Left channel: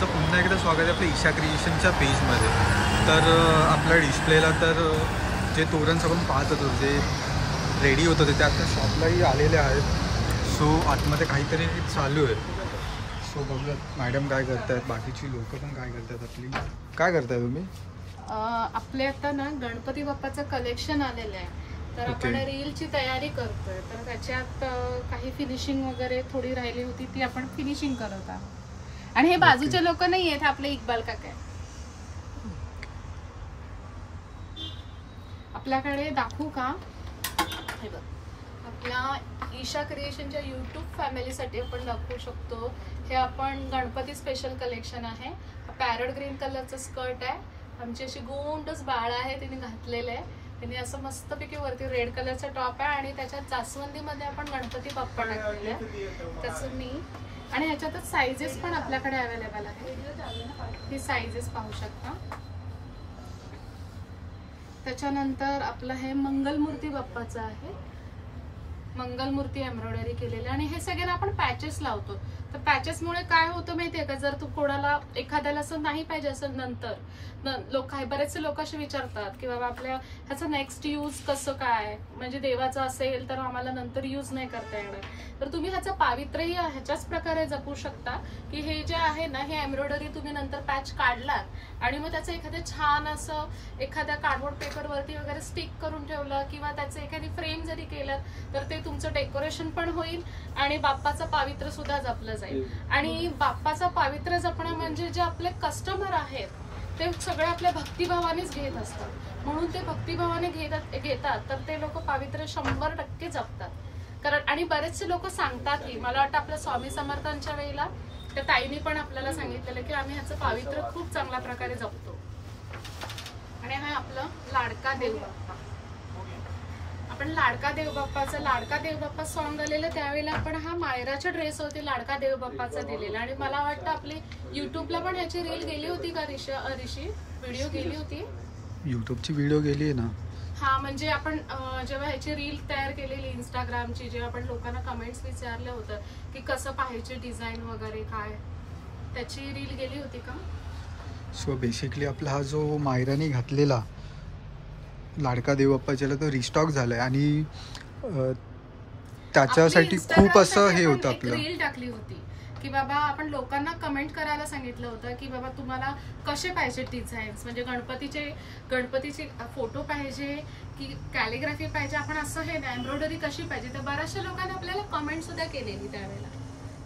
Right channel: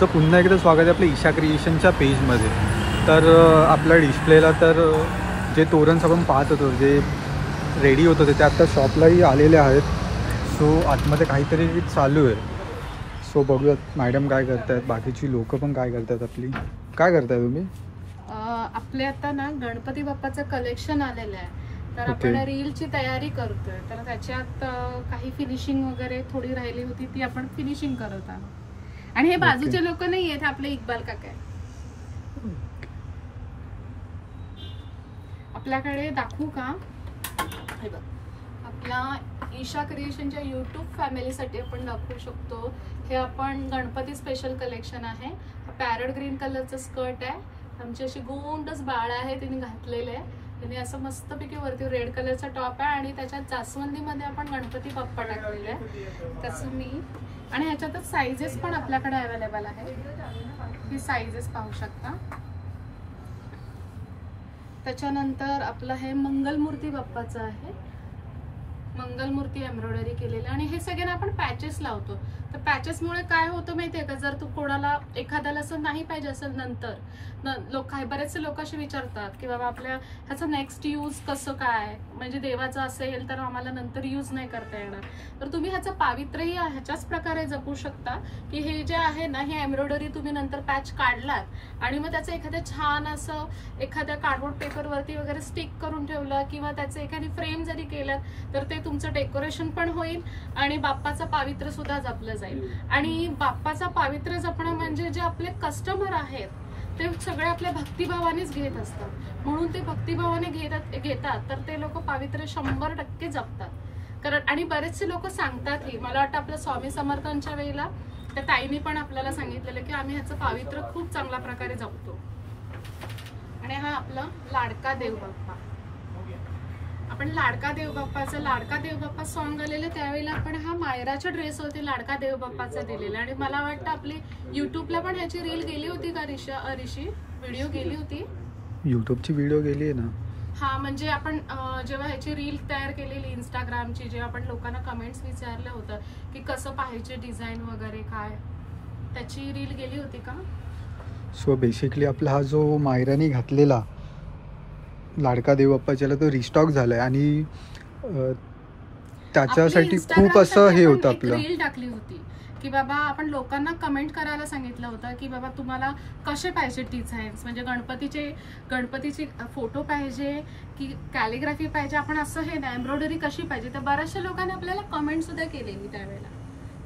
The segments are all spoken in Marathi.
तुमचं पुन्हा एकदा स्वागत आहे आपल्या ईशा क्रिएशनच्या पेजमध्ये। तर आपल्या डिस्प्लेला तर जे तोरणस आपण पाहत होतो, जे रेडी होत होते ते आता शॉपलाही आलेले आहेत। सो आतमध्ये काहीतरी चालू आहे। सो बघूयात मॅडम काय करतायत, बाकीची लोक पण काय करतायत। आपली काय करताय तुम्ही? आपले आता ना गणपती बाप्पाचं कलेक्शन आलेलं आहे, तर आपण रीलची तयारी करतोय। तर त्याच्यात काही फिनिशिंग वगैरे थोडी राहिली होती, ती आपण फिनिशिंग करत आहोत। आणि हे बाजूचे लोक नाही आहेत, आपले इक्बाल काका आहे। आपल्याकडे दाखवू का? हे बघ, आपला ईशा क्रिएशनच्या यूट्यूब फॅमिलीसाठी आपण दाखवू शकतो। हे आपण गणपती स्पेशल कलेक्शन आहे। पॅरट ग्रीन कलरचं स्कर्ट आहे, आमची अशी गोंडच बाळ आहे, तिने घातलेलं आहे। तिने असं मस्तपैकी वरती रेड कलरचा टॉप आहे आणि त्याच्यात जास्वंदीमध्ये आपण गणपती बाप्पा टाकलेले आहे। त्याचं मी आणि ह्याच्यातच साइजेस पण आपल्याकडे अवेलेबल आहे, ही साइजेस पाहू शकता। त्याच्यानंतर आपलं हे मंगलमूर्ती बाप्पाचं आहे, मंगलमूर्ती एम्ब्रॉयडरी केलेलं। आणि हे सगळे ना आपण पॅचेस लावतो। तर पॅचेसमुळे काय होतं माहितीये का, जर तू कोणाला एखाद्याला असं नाही पाहिजे असेल, नंतर लोक बरेचसे लोक असे विचारतात की बाबा आपल्या ह्याचं नेक्स्ट यूज कसं काय, म्हणजे देवाचं असेल तर आम्हाला नंतर यूज नाही करता येणार। तर तुम्ही ह्याचं पावित्र्यही ह्याच्याच प्रकारे जपू शकता की हे जे आहे ना, हे एम्ब्रॉयडरी तुम्ही नंतर पॅच काढलात आणि मग त्याचं एखाद्या छान असं एखाद्या कार्डबोर्ड पेपरवरती वगैरे स्टिक करून ठेवलं किंवा त्याचं एखादी फ्रेम जरी केलं तर ते तुमचं डेकोरेशन पण होईल आणि बाप्पाचं पावित्र्य सुद्धा जपलं जाईल। आणि बाप्पाचा पावित्र्य जपणं म्हणजे जे आपले कस्टमर आहेत ते सगळे आपल्या भक्तिभावानेच घेत असतात, म्हणून ते भक्तिभावाने घेतात तर ते लोक पावित्र्य 100% जपतात। कारण आणि बरेचसे लोक सांगतातही, मला वाटतं आपल्या स्वामी समर्थांच्या वेळेला त्या ताईंनी पण आपल्याला सांगितलेलं की आम्ही ह्याचं पावित्र्य खूप चांगल्या प्रकारे जपतो। आणि हा आपला लाडका देव बाप्पा, आपण लाडका देव बाप्पा सॉन्ग आलेलं त्यावेळेला आपण हा मायराच्या ड्रेस होती लाडका देव बाप्पाचा दिलेला। आणि मला वाटतं आपली युट्यूबला पण ह्याची रील गेली होती का ऋषी? व्हिडिओ गेली होती, युट्यूबची व्हिडिओ गेली आहे ना? हा, म्हणजे आपण जेव्हा ह्याची रील तयार केलेली इंस्टाग्रामची, जेव्हा आपण लोकांना कमेंट्स विचारलं होतं की कसं पाहिजे डिझाईन वगैरे काय, त्याची रील गेली होती का? सो बेसिकली आपला हा जो मायराने घातलेला लाडका देव बाप्पाच्याला तो रिस्टॉक झालाय आणि त्याच्यासाठी खूप असं हे होतं, आपलं रील टाकली होती की बाबा आपण लोकांना कमेंट करायला सांगितलं होतं की बाबा तुम्हाला कसे पाहिजे डिझाईन्स, म्हणजे गणपतीचे फोटो पाहिजे की कॅलिग्राफी पाहिजे, आपण असं हे ना एम्ब्रॉयडरी कशी पाहिजे। तर बऱ्याचशा लोकांनी आपल्याला कमेंट सुद्धा केलेली त्यावेळेला,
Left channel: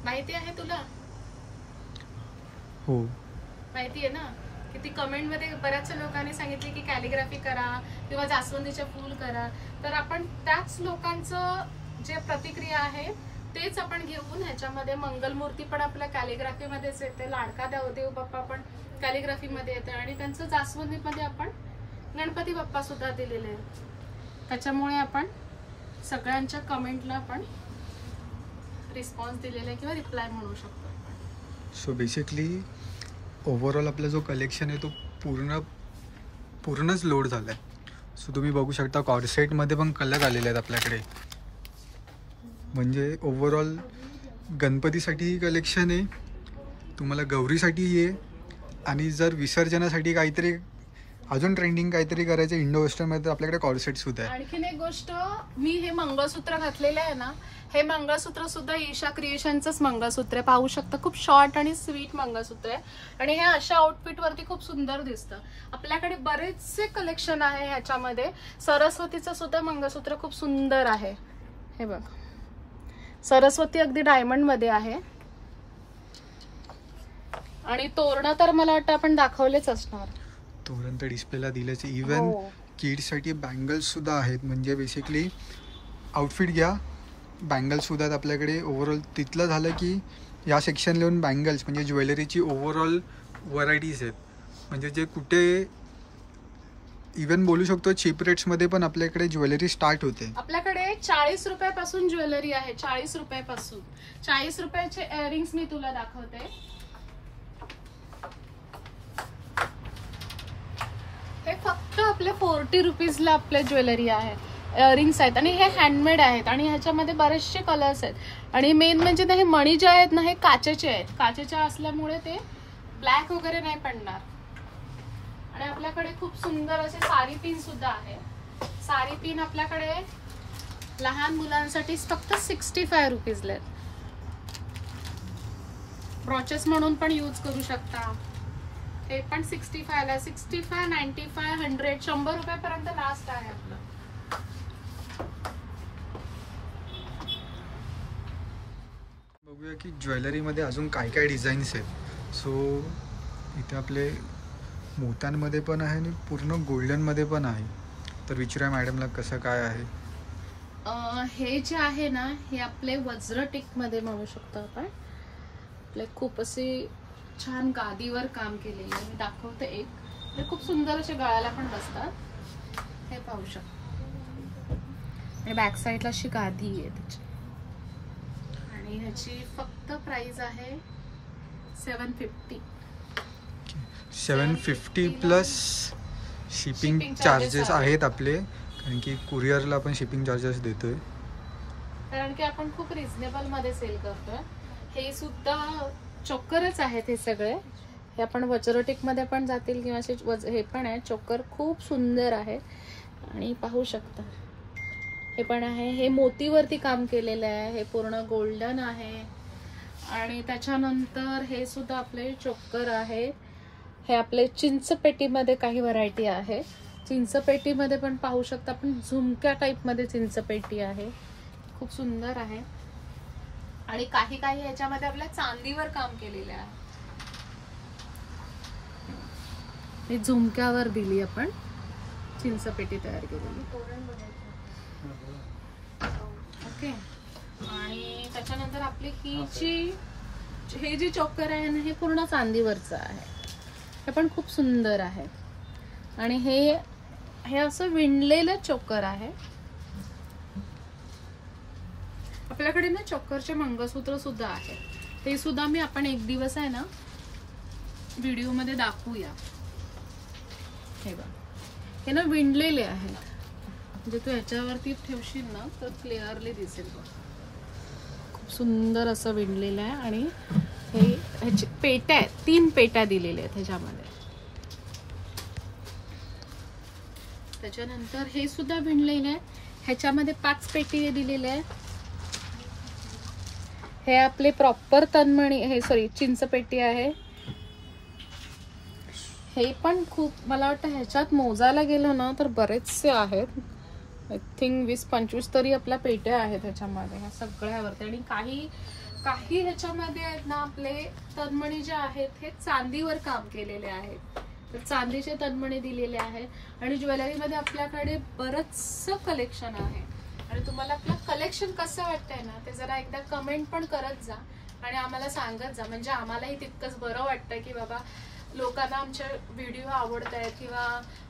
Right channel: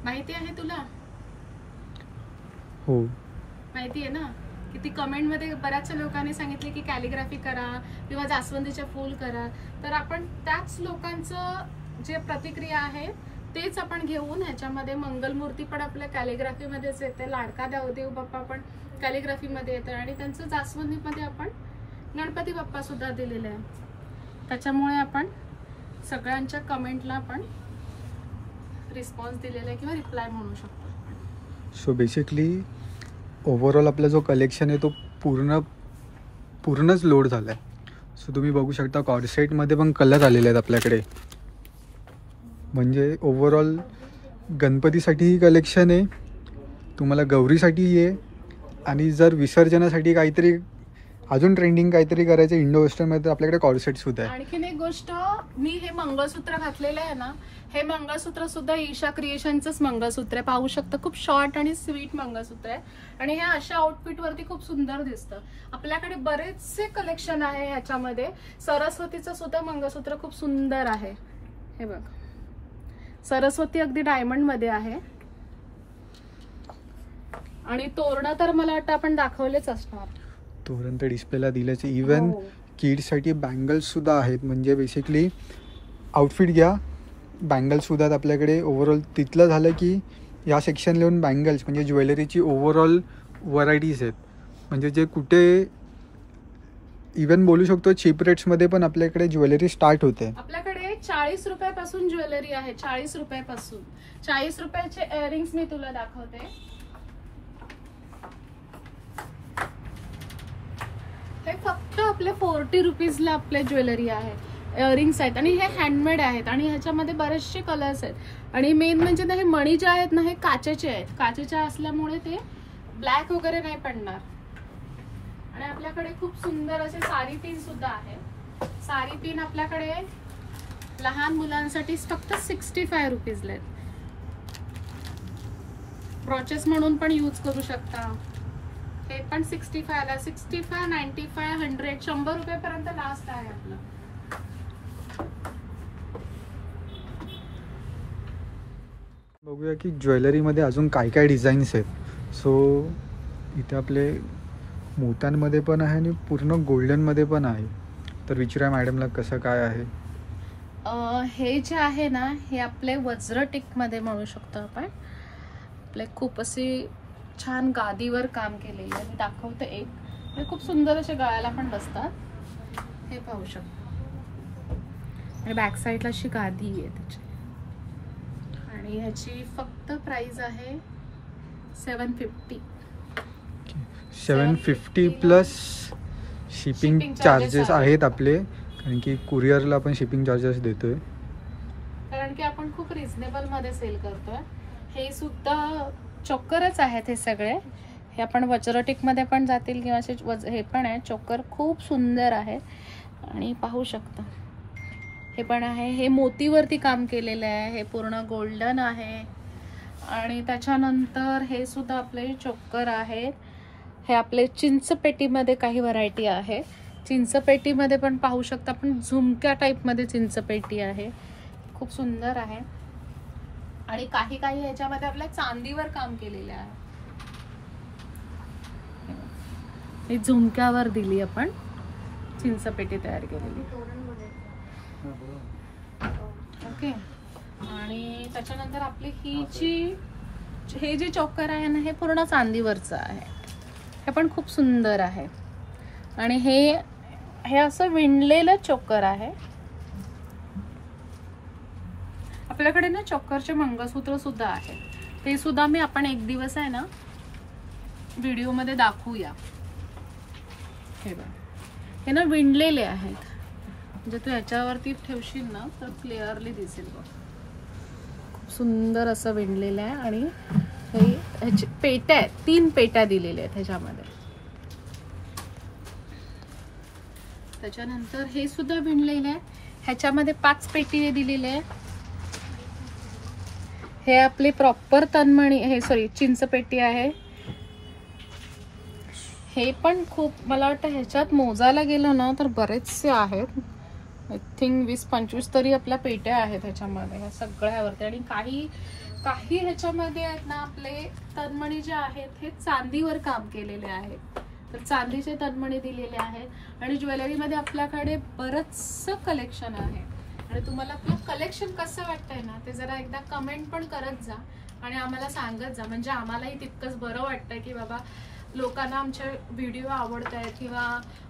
माहिती आहे तुला? हो माहिती आहे ना, की ती कमेंट मध्ये बऱ्याचशा लोकांनी सांगितले की कॅलिग्राफी करा किंवा जास्वंदीचे फूल करा। तर आपण त्याच लोकांचं जे प्रतिक्रिया आहे तेच आपण घेऊन ह्याच्यामध्ये मंगलमूर्ती पण आपल्या कॅलिग्राफी मध्येच येते, लाडका देव बाप्पा पण कॅलिग्राफी मध्ये येते आणि त्यांचं जास्वंदी मध्ये आपण गणपती बाप्पा सुद्धा दिलेले आहे। त्याच्यामुळे आपण सगळ्यांच्या कमेंटला आपण रिस्पॉन्स दिलेला आहे किंवा रिप्लाय म्हणू शकतो। सो बेसिकली ओव्हरऑल आपला जो कलेक्शन आहे तो पूर्णच लोड झाला आहे। सो तुम्ही बघू शकता कॉर्सेटमध्ये पण कलर आलेले आहेत आपल्याकडे, म्हणजे ओव्हरऑल गणपतीसाठी कलेक्शन आहे, तुम्हाला गौरीसाठी आहे आणि जर विसर्जनासाठी काहीतरी अजून ट्रेंडिंग काहीतरी करायचं इंडो वेस्टर्नमध्ये आपल्याकडे कॉर्सेट सुद्धा आहे। आणखीन एक गोष्ट, मी हे मंगळसूत्र घातलेलं आहे ना, हे मंगळसूत्र सुद्धा ईशा क्रिएशनचंच मंगळसूत्र आहे, पाहू शकता। खूप शॉर्ट आणि स्वीट मंगळसूत्र आहे आणि हे अशा आउटफिट वरती खूप सुंदर दिसतं। आपल्याकडे बरेचसे कलेक्शन आहे ह्याच्यामध्ये। सरस्वतीचं सुद्धा मंगळसूत्र खूप सुंदर आहे, हे बघ, सरस्वती अगदी डायमंड मध्ये आहे। आणि तोरण तर मला वाटतं आपण दाखवलेच असणार, तोरण तर डिस्प्लेला दिल्याचे। इवन किड्ससाठी बँगल्स सुद्धा आहेत, म्हणजे बेसिकली आउटफिट घ्या बँगल्स सुद्धा आपल्याकडे। ओव्हरऑल तिथलं झालं की या सेक्शन लिहून बँगल्स म्हणजे ज्वेलरीची ओव्हरऑल व्हरायटीज आहेत, म्हणजे जे कुठे इवन बोलू शकतो चीप रेट्समध्ये पण आपल्याकडे ज्वेलरी स्टार्ट होते। आपल्याकडे 40 रुपयापासून ज्वेलरी आहे, 40 रुपयापासून। 40 रुपयाचे इयरिंग्स मी तुला दाखवते, हे फक्त आपले 40 रुपीजला आपल्या ज्वेलरी आहे, इयरिंग्स आहेत आणि हे हँडमेड आहेत आणि ह्याच्यामध्ये बरेचसे कलर्स आहेत। आणि मेन म्हणजे ना हे मणी जे आहेत ना हे काचेचे आहेत, काचेच्या असल्यामुळे ते ब्लॅक वगैरे नाही पडणार. आणि आपल्याकडे खूप सुंदर असे साडी पिन सुद्धा आहे. साडी पिन आपल्याकडे लहान मुलांसाठी फक्त 65 रुपीजला आहेत. ब्रॉचेस म्हणून पण यूज करू शकता. हे पण 65 ला, 65, 95, 100, 100 रुपयापर्यंत लास्ट आहे आपलं. बघूया की ज्वेलरीमध्ये अजून काय काय डिझाईन्स आहेत. सो इथे आपले मोत्यांमध्ये पण आहे आणि पूर्ण गोल्डनमध्ये पण आहे. तर विचारूया मॅडमला कसं काय आहे. हे जे आहे ना, हे आपले वज्रटिकमध्ये म्हणू शकतो आपण. आपले खूप अशी छान गादीवर काम केलेले आहे. मी दाखवते एक. हे खूप सुंदर असे गळ्याला पण बसतात. हे पाहू शकतो. आणि बॅक साईडला अशी गादी आहे त्याची. आणि ह्याची फक्त प्राइस आहे 750. 750 प्लस शिपिंग चार्जेस आहेत आपले, कारण की कुरिअरला पण शिपिंग चार्जेस देतोय. कारण की आपण खूप रिझनेबल मध्ये सेल करतोय. हे सुद्धा चोकरच आहेत हे सगळे. हे आपण वज्रटिक मध्ये पण जातील किंवा असे हे पण आहे. चोकर खूप सुंदर आहे आणि पाहू शकता. हे पण आहे. हे मोतीवरती काम केलेले आहे. हे पूर्ण गोल्डन आहे. आणि त्याच्यानंतर हे सुद्धा आपले चोकर आहेत. हे आपले चिंचपेटीमध्ये काही व्हरायटी आहे. चिंचपेटीमध्ये पण पाहू शकता आपण. झुमक्या टाईप मध्ये चिंचपेटी आहे. खूप सुंदर आहे. आणि काही काही ह्याच्यामध्ये आपल्या चांदीवर काम केलेले आहे. हे झुमक्यावर दिली आपण चिंचपेटी तयार केलेली. ओके. आणि त्याच्यानंतर आपली हे जे चोकर आहे ना, हे पूर्ण चांदीवरचं आहे. हे पण खूप सुंदर आहे. आणि हे असं विणलेलं चोकर आहे. आपल्याकडे ना चोकरचे मंगळसूत्र सुद्धा आहे. ते सुद्धा आपण एक दिवस आहे ना व्हिडिओ मध्ये दाखवूया. हे बघा, हे ना विणलेले आहेत. म्हणजे तू ह्याच्यावरती ठेवशील ना तर क्लिअरली दिसेल बघ. खूप सुंदर असं विणलेलं आहे. आणि ह्याची पेट्या आहेत. 3 पेट्या दिलेल्या आहेत ह्याच्यामध्ये. त्याच्यानंतर हे सुद्धा विणलेलं आहे. ह्याच्यामध्ये 5 पेटी दिलेले आहेत. हे आपले प्रॉपर तन्मणी, हे सॉरी चिंचपेटी आहे. हे पण खूप, मला वाटतं ह्याच्यात मोजायला गेलो ना तर बरेचसे आहेत. आय थिंक 20-25 तरी आपल्या पेट्या आहेत ह्याच्यामध्ये, ह्या सगळ्यावरती. आणि काही ह्याच्यामध्ये आहेत ना आपले तन्मणी जे आहेत हे चांदीवर काम केलेले आहेत. तर चांदीचे तन्मणी दिलेले आहेत. आणि ज्वेलरीमध्ये आपल्याकडे बरंचसं कलेक्शन आहे. आणि तुम्हाला आपलं कलेक्शन कसं वाटतंय ना ते जरा एकदा कमेंट पण करत जा आणि आम्हाला सांगत जा. म्हणजे आम्हालाही तितकंच बरं वाटतंय की बाबा लोकांना आमचे व्हिडिओ आवडत आहेत किंवा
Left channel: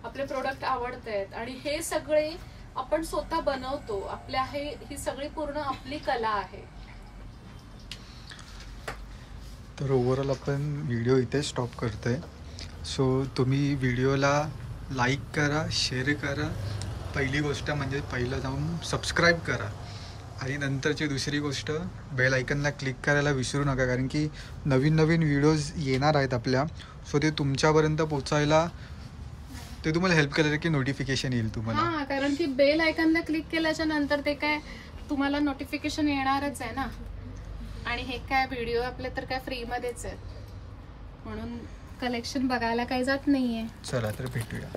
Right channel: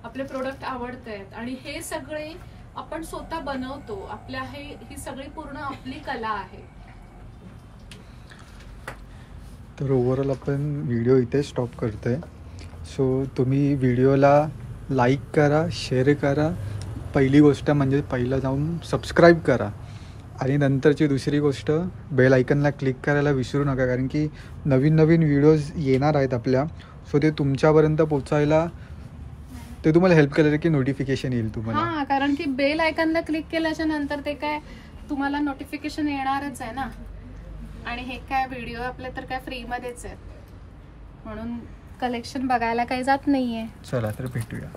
आपले प्रोडक्ट आवडत आहेत. आणि हे सगळे आपण स्वतः बनवतो. ही सगळी पूर्ण आपली कला आहे. तर ओव्हरऑल आपण व्हिडिओ इथे स्टॉप करतोय. सो तुम्ही व्हिडिओला लाईक करा, शेअर करा. पहिली गोष्ट म्हणजे पहिलं जाऊन सबस्क्राईब करा. आणि नंतरची दुसरी गोष्ट, बेल आयकनला क्लिक करायला विसरू नका, कारण की नवीन नवीन व्हिडिओज येणार आहेत आपल्या. सो ते तुमच्यापर्यंत पोचायला ते तुम्हाला हेल्प करेल की नोटिफिकेशन येईल तुम्हाला. हां, कारण की बेल आयकनला क्लिक केल्याच्या नंतर ते काय तुम्हाला नोटिफिकेशन येणारच आहे ना. आणि हे काय व्हिडिओ आपले तर काय फ्रीमध्येच आहेत, म्हणून कलेक्शन बघायला काही जात नाहीये. चला तर भेटूया.